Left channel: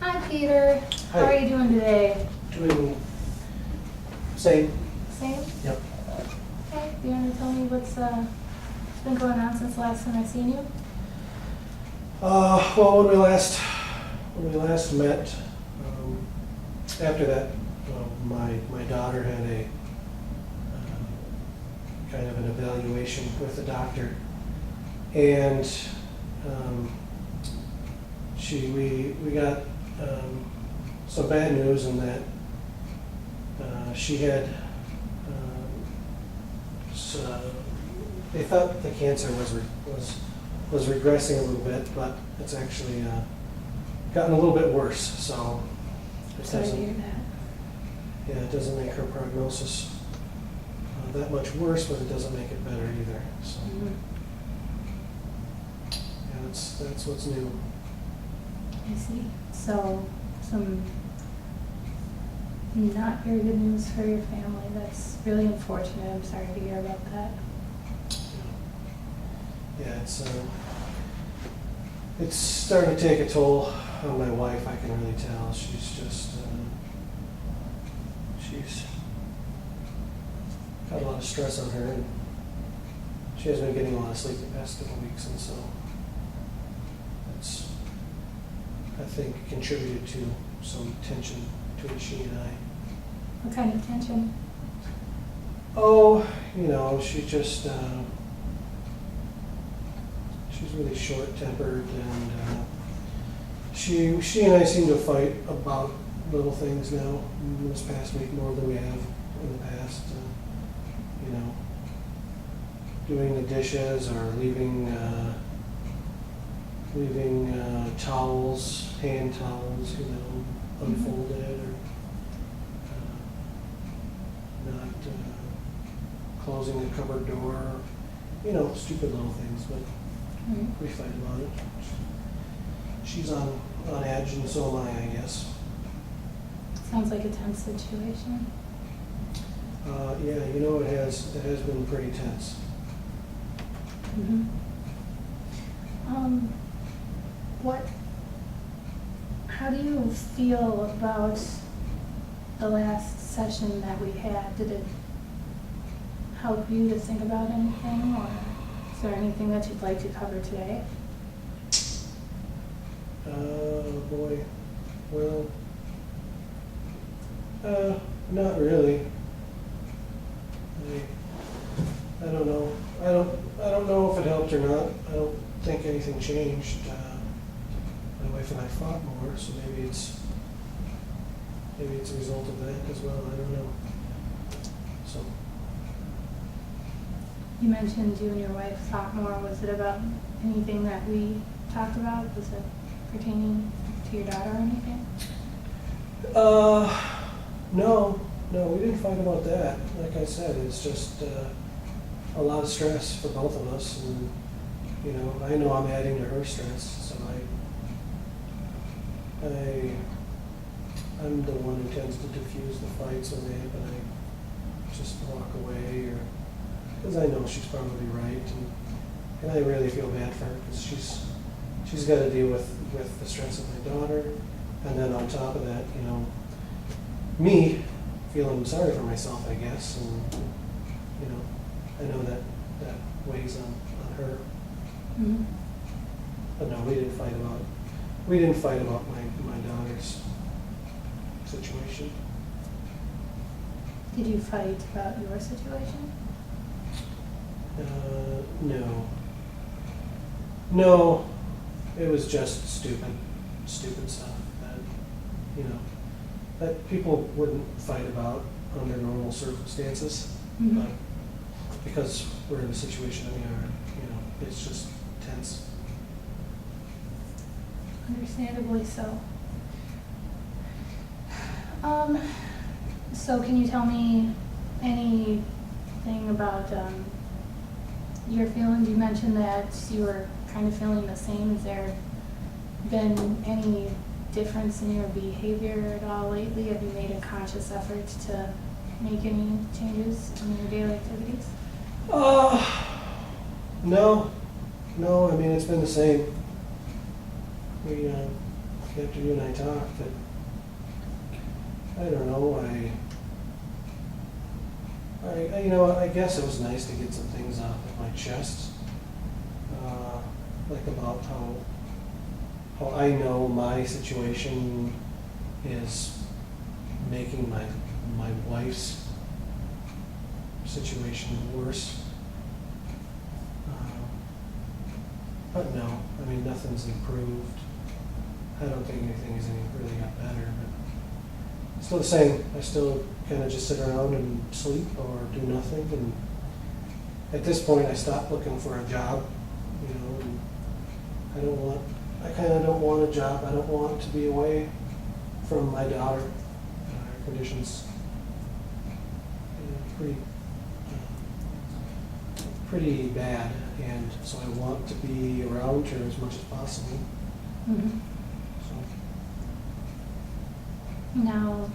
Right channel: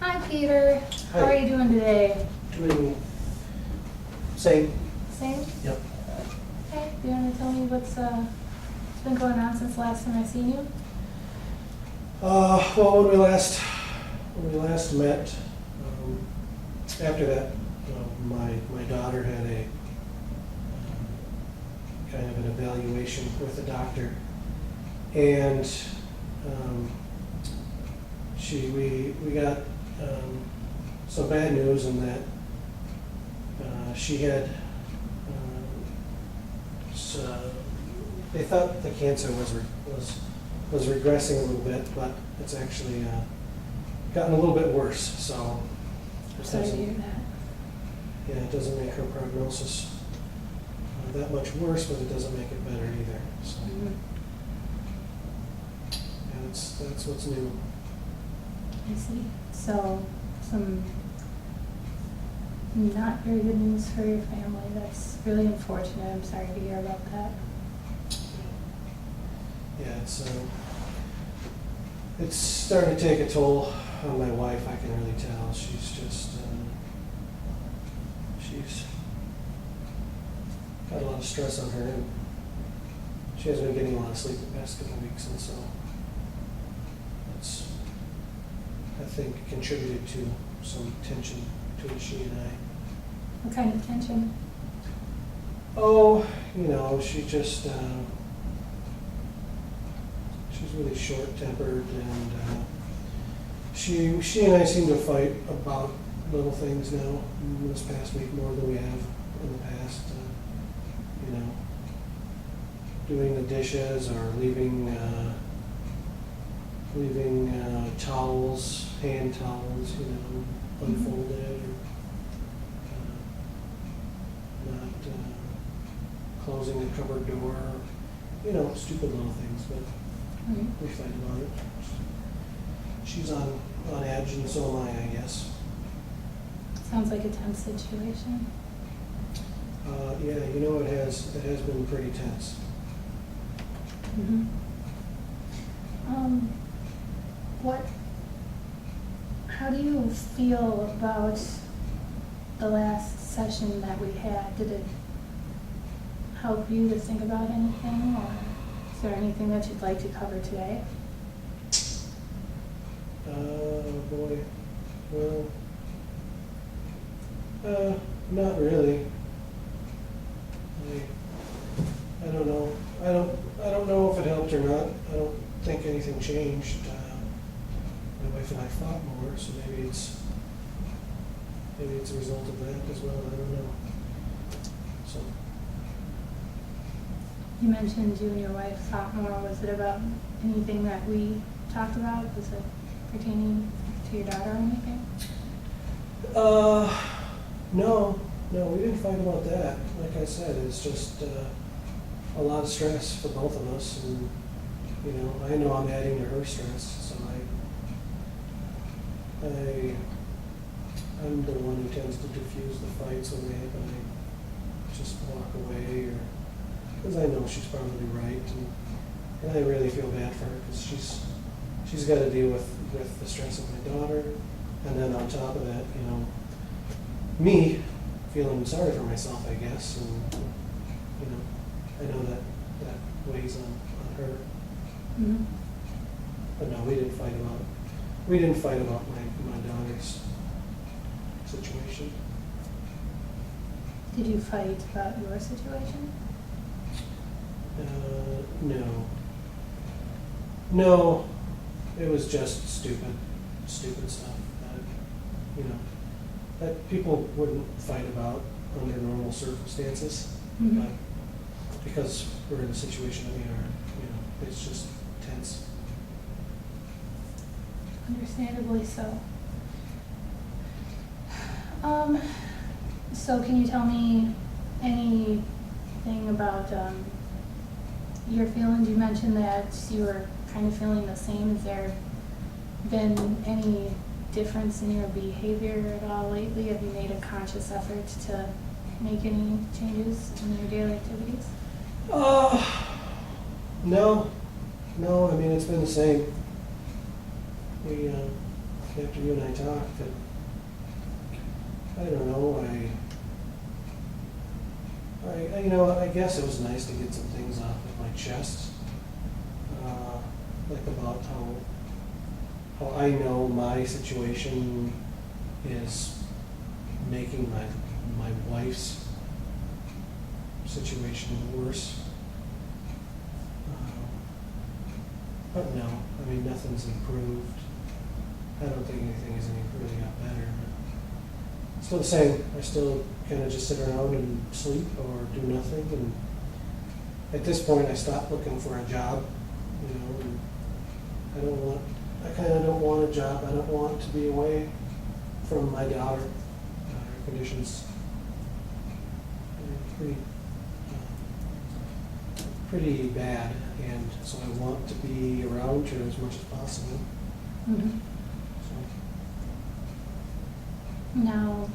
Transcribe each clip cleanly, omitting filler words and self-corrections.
Hi, Peter. Hi. How are you doing today? Doing same. Same? Yep. Okay. Do you want to tell me what's been going on since the last time I seen you? Well, when we last met, after that, my daughter had a kind of an evaluation with the doctor, and we got some bad news in that she had they thought the cancer was regressing a little bit, but it's actually gotten a little bit worse. So Sorry to hear that. yeah, it doesn't make her prognosis that much worse, but it doesn't make it better either. So yeah, that's what's new. I see. So, some not very good news for your family. That's really unfortunate. I'm sorry to hear about that. Yeah, it's starting to take a toll on my wife. I can really tell. She's just she's got a lot of stress on her, and she hasn't been getting a lot of sleep the past couple of weeks, and so it's, I think, contributed to some tension between she and I. What kind of tension? Oh, she's just she's really short-tempered, and she and I seem to fight about little things now this past week more than we have in the past. Doing the dishes or leaving towels, hand towels, unfolded, or not closing the cupboard door. Stupid little things, but Right. we fight about it. She's on edge, and so am I guess. Sounds like a tense situation. Yeah, it has been pretty tense. How do you feel about the last session that we had? Did it help you to think about anything, or is there anything that you'd like to cover today? Boy, well, not really. I don't know. I don't know if it helped or not. I don't think anything changed. My wife and I fought more, so maybe it's a result of that as well. I don't know. So You mentioned you and your wife fought more. Was it about anything that we talked about? Was it pertaining to your daughter or anything? No, we didn't fight about that. Like I said, it's just a lot of stress for both of us, and I know I'm adding to her stress, so I'm the one who tends to diffuse the fights when they happen. I just walk away, or because I know she's probably right, and I really feel bad for her because she's got to deal with the stress of my daughter, and then on top of that, me feeling sorry for myself, I guess, and I know that weighs on her. Mm-hmm. But no, we didn't fight about my daughter's situation. Did you fight about your situation? No, it was just stupid stuff that people wouldn't fight about under normal circumstances. Mm-hmm. But because we're in the situation that we are, it's just tense. Understandably so. So can you tell me anything about your feelings? You mentioned that you were kind of feeling the same. Has there been any difference in your behavior at all lately? Have you made a conscious effort to make any changes in your daily activities? No. I mean, it's been the same. We after you and I talked, that, I don't know, you know, I guess it was nice to get some things off of my chest, like about how I know my situation is making my wife's situation worse. But no, I mean, nothing's improved. I don't think anything has really got better, but still the same. I still kind of just sit around and sleep or do nothing. And at this point, I stopped looking for a job, you know, and I kind of don't want a job. I don't want to be away from my daughter. Her condition's pretty bad, and so I want to be around her as much as possible. Mm-hmm. So. Now,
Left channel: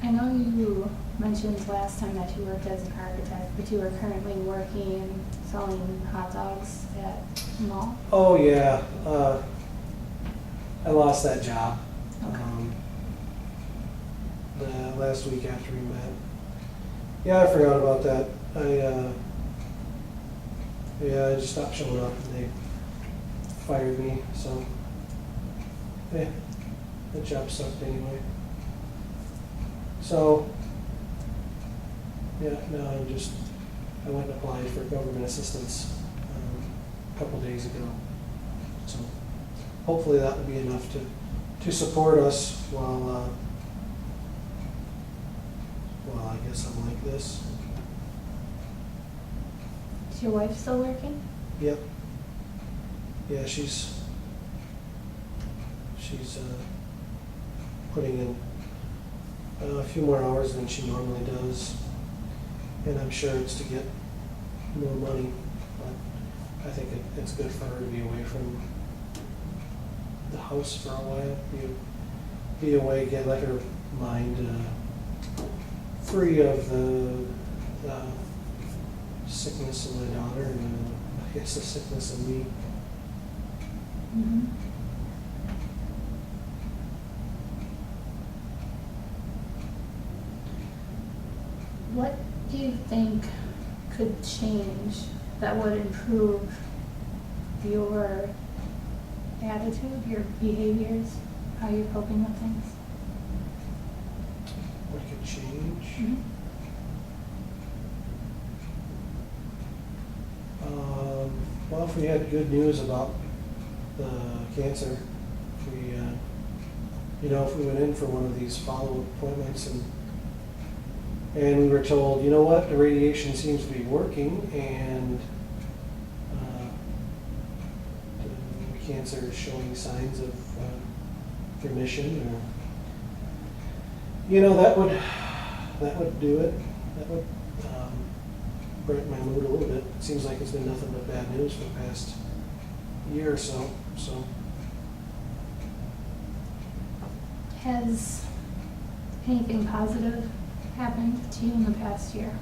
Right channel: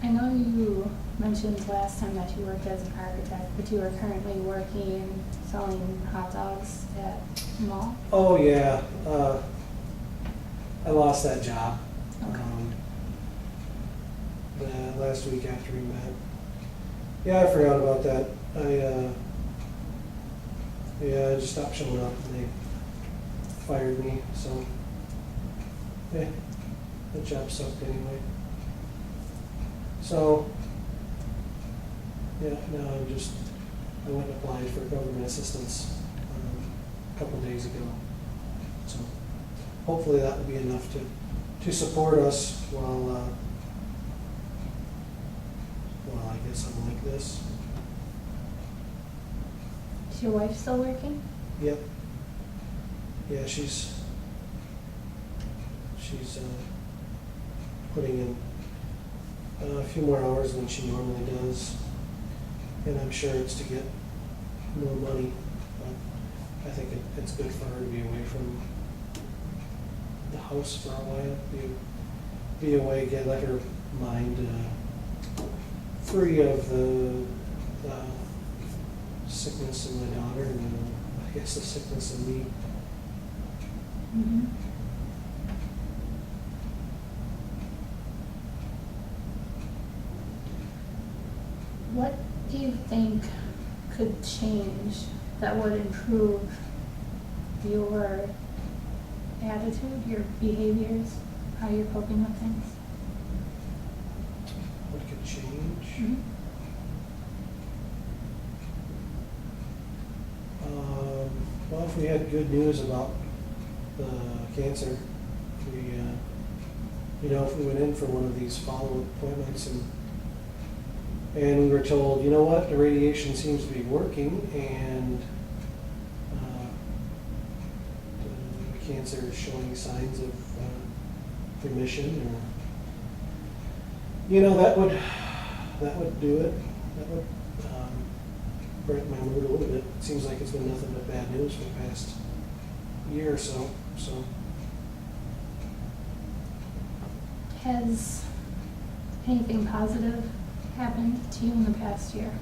I know you mentioned last time that you worked as an architect, but you are currently working selling hot dogs at a mall? Oh yeah, I lost that job. Okay. The last week after we met. Yeah, I forgot about that. I just stopped showing up and they fired me, so that job sucked anyway. So yeah, no, I went and applied for government assistance a couple days ago. So hopefully that will be enough to support us while I guess I'm like this. Is your wife still working? Yep. Yeah, she's putting in a few more hours than she normally does, and I'm sure it's to get more money, but I think it's good for her to be away from the house for a while, be away, let her mind free of the sickness in my daughter and I guess the sickness in me. Mm-hmm. What do you think could change that would improve your attitude, your behaviors, how you're coping with things? What could change? Mm-hmm. Well, if we had good news about the cancer, if we went in for one of these follow-up appointments and we were told, you know what, the radiation seems to be working and the cancer is showing signs of remission, or that would do it. That would brighten my mood a little bit. It seems like it's been nothing but bad news for the past year or so. So, Has anything positive happened to you in the past year?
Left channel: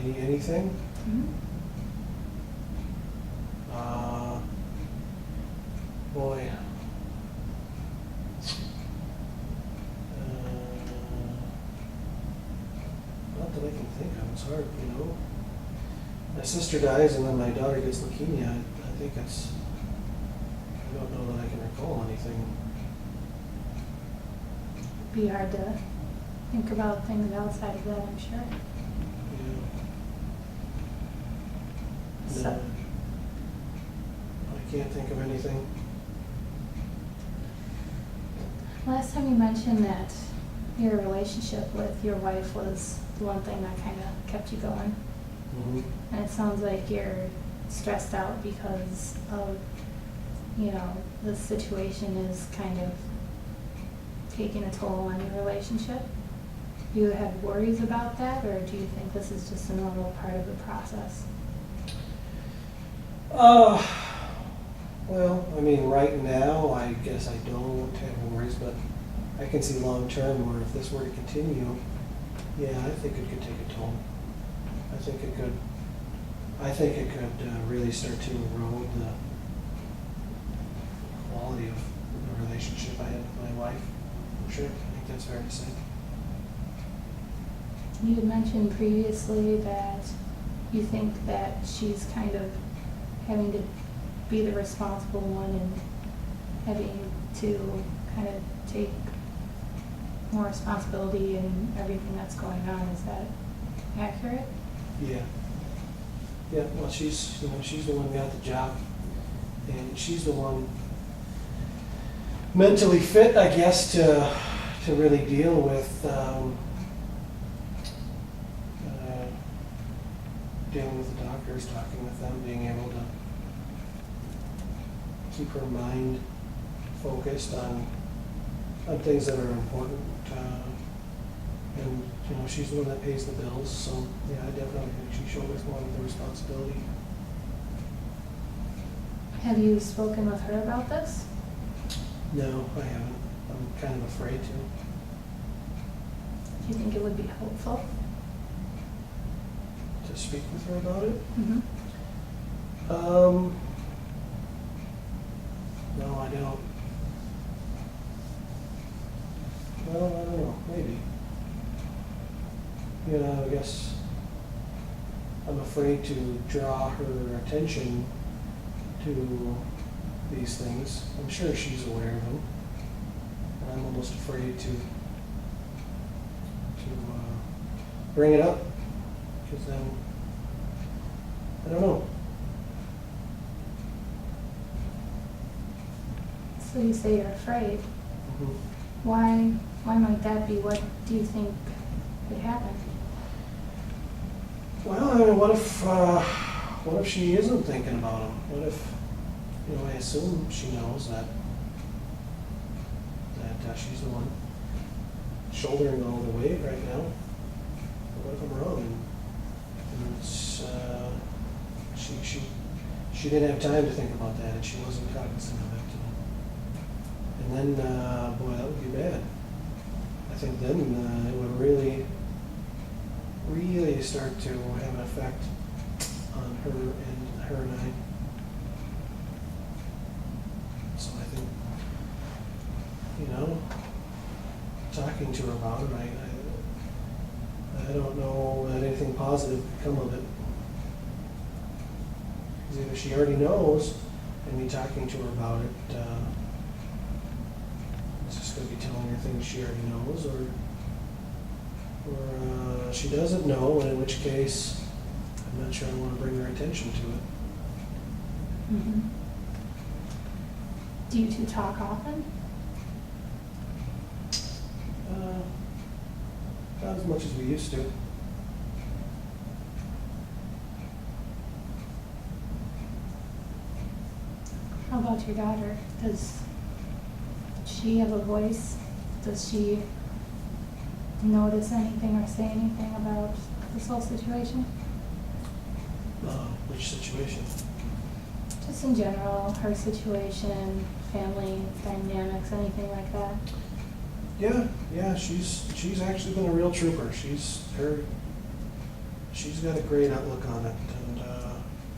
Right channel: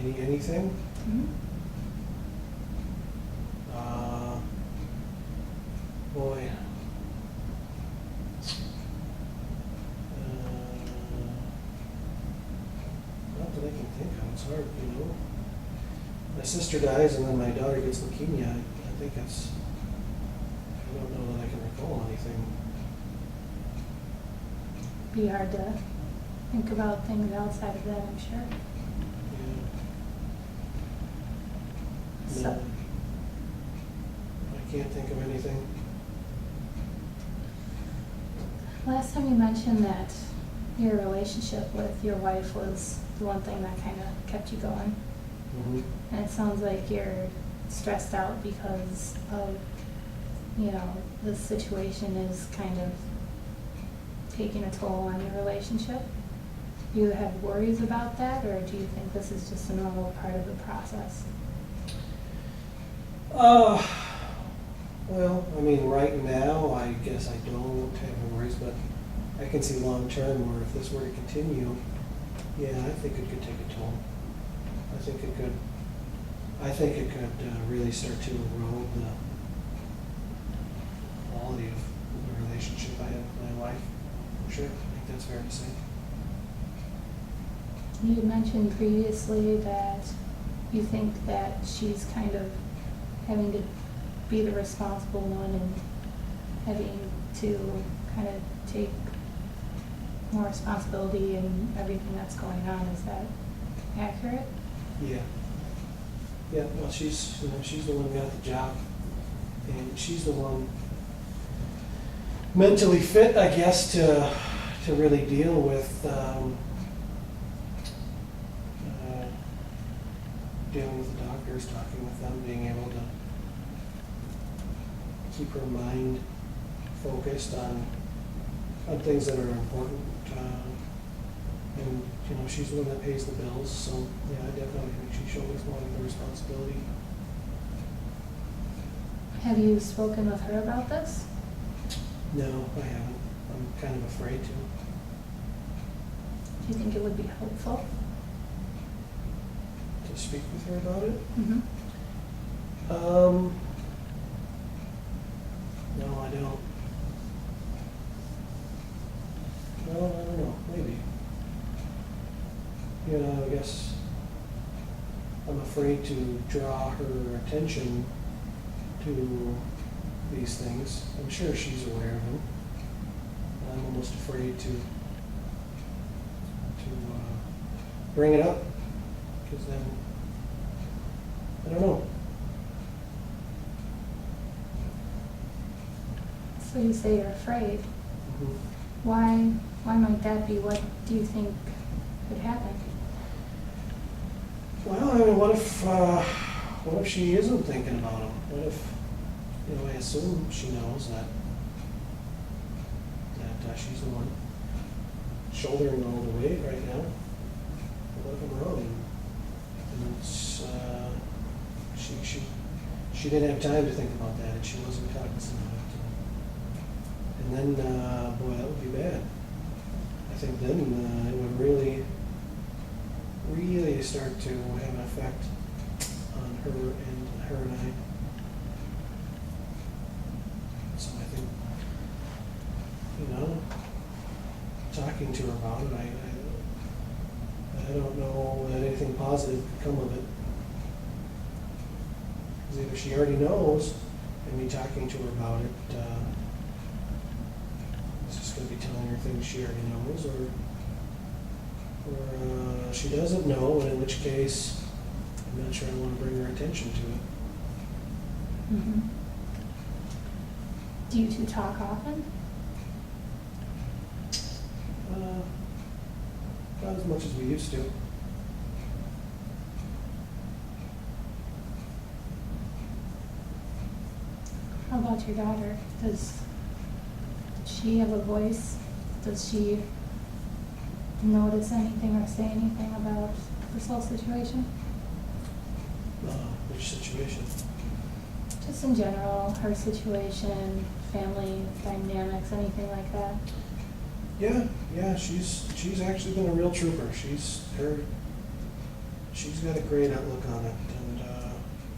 anything? Mm-hmm. Boy. Not that I can think of. It's hard, My sister dies and then my daughter gets leukemia. I think I don't know that I can recall anything. Be hard to think about things outside of that, I'm sure. Yeah. So, No. I can't think of anything. last time you mentioned that your relationship with your wife was the one thing that kind of kept you going. Mm-hmm. And it sounds like you're stressed out because of, the situation is kind of taking a toll on your relationship. Do you have worries about that, or do you think this is just a normal part of the process? Well, I mean, right now, I guess I don't have worries, but I can see long term where if this were to continue, yeah, I think it could take a toll. I think it could really start to erode sure. I think that's fair to say. You had mentioned previously that you think that she's kind of having to be the responsible one and having to kind of take more responsibility in everything that's going on. Is that accurate? Yeah. Yeah, well, she's the one who got the job, and she's the one mentally fit, I guess, to really deal with dealing with the doctors, talking with them, being able to keep her mind focused on things that are important. And she's the one that pays the bills, so yeah, I definitely think she shoulders more of the responsibility. Have you spoken with her about this? No, I haven't. I'm kind of afraid to. Do you think it would be helpful? To speak with her about it? Mm-hmm. No, I don't. Well, I don't know, maybe. I guess I'm afraid to draw her attention to these things. I'm sure she's aware of them. And I'm almost afraid to bring it up, because then, I don't know. So you say you're afraid. Mhm. Why might that be? What do you think could happen? Well, I mean, what if she isn't thinking about him? What if, I assume she knows that she's the one shouldering all the weight right now. But what if I'm wrong? And it's, she didn't have time to think about that, and she wasn't cognizant of it. And then, boy, that would be bad. I think then it would really start to have an effect on her and I. So I think, talking to her about it, I don't know that anything positive could come of it. Because either she already knows, and me talking to her about it, it's just going to be telling her things she already knows, or she doesn't know, and in which case, I'm not sure I want to bring her attention to it. Mm-hmm. Do you two talk often? Not as much as we used to. How about your daughter? Does she have a voice? Does she notice anything or say anything about this whole situation? Which situation? Just in general, her situation, family dynamics, anything like that? Yeah, she's actually been a real trooper. She's got a great outlook on it, and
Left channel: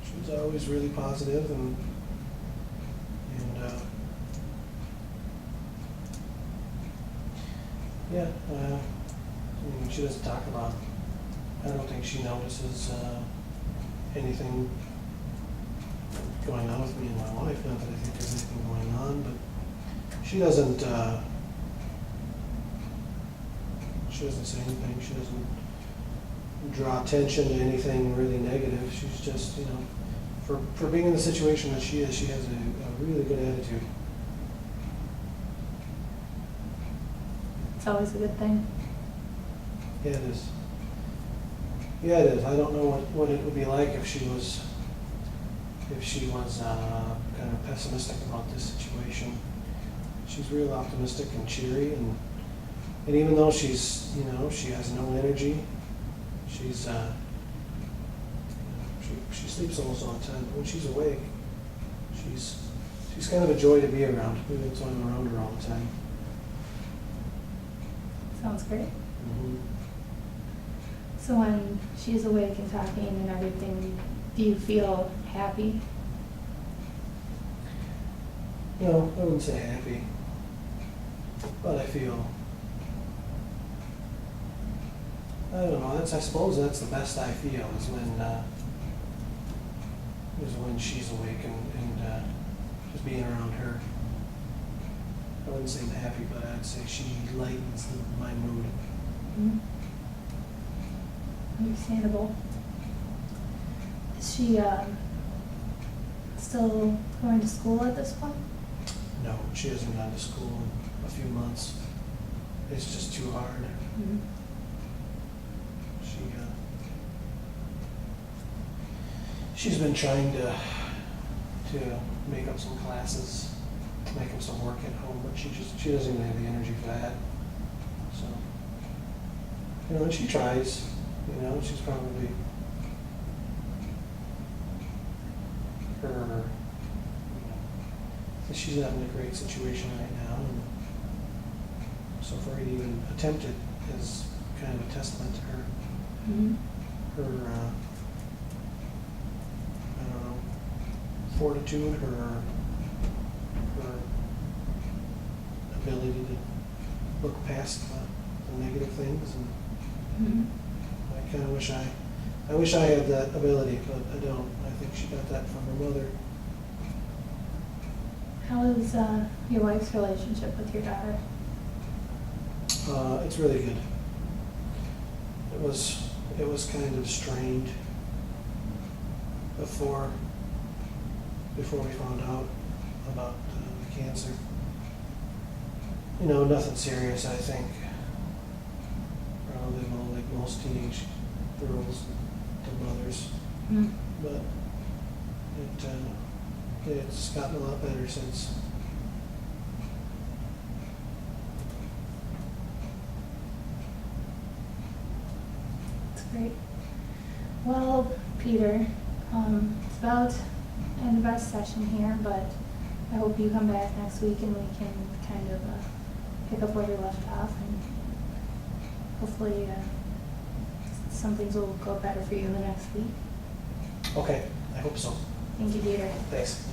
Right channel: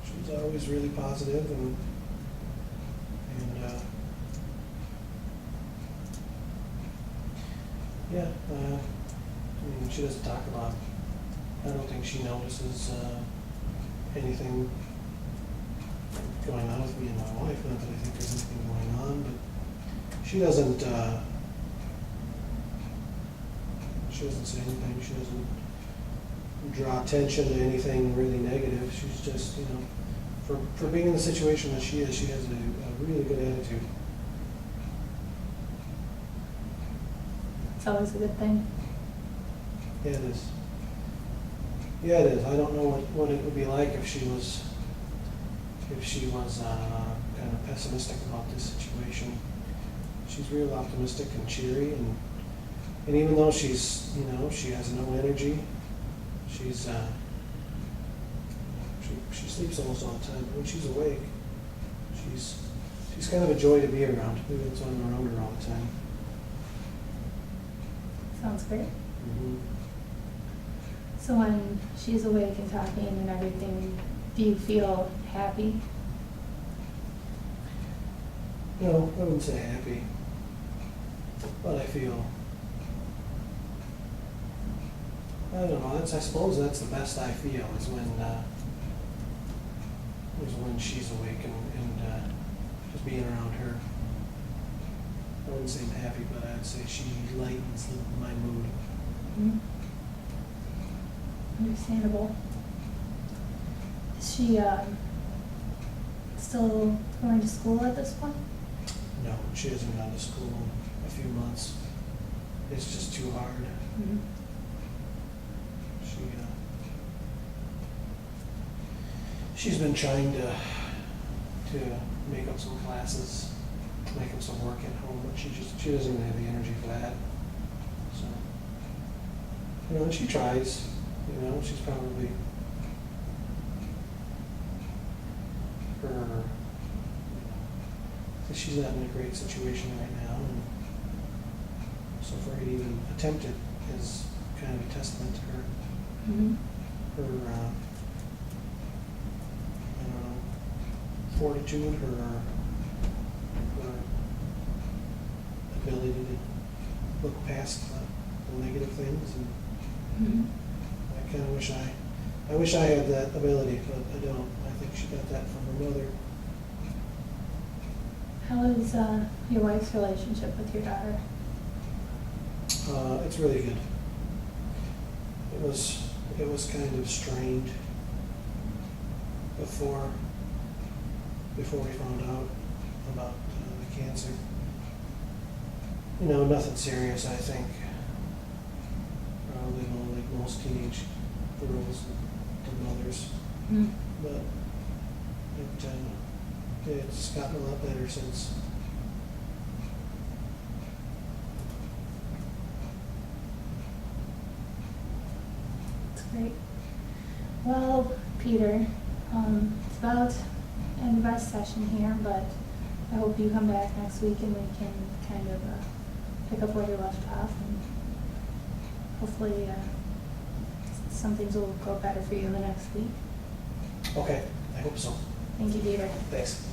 she's always really positive and yeah. I mean, she doesn't talk about. I don't think she notices anything going on with me and my wife. Not that I think there's anything going on, but she doesn't. She doesn't say anything. She doesn't draw attention to anything really negative. She's just, for being in the situation that she is, she has a really good attitude. It's always a good thing. Yeah, it is. Yeah, it is. I don't know what it would be like if she was kind of pessimistic about this situation. She's real optimistic and cheery, and even though she's, she has no energy, she's, she sleeps almost all the time, but when she's awake, she's kind of a joy to be around. Maybe that's why I'm around her all the time. Sounds great. Mm-hmm. So when she's awake and talking and everything, do you feel happy? No, I wouldn't say happy, but I feel I don't know, I suppose that's the best I feel, is when she's awake and just being around her. I wouldn't say I'm happy, but I'd say she lightens my mood. Mhm. Understandable. Is she still going to school at this point? No, she hasn't gone to school in a few months. It's just too hard. Mhm. She's been trying to make up some classes, make up some work at home, but she doesn't even have the energy for that. So, and she tries, she's probably she's not in a great situation right now, and so for her to even attempt it is kind of a testament to her. Mhm. Her I don't know, fortitude, her ability to look past the negative things, and Mhm. I kind of wish I had that ability, but I don't. I think she got that from her mother. How is your wife's relationship with your daughter? It's really good. It was kind of strained before we found out about the cancer. Nothing serious, I think. Probably like most teenage girls and their mothers. Mhm. But it's gotten a lot better since. That's great. Well, Peter, it's about end of our session here, but I hope you come back next week and we can kind of pick up where you left off, and hopefully some things will go better for you in the next week. Okay, I hope so. Thank you, Peter. Thanks.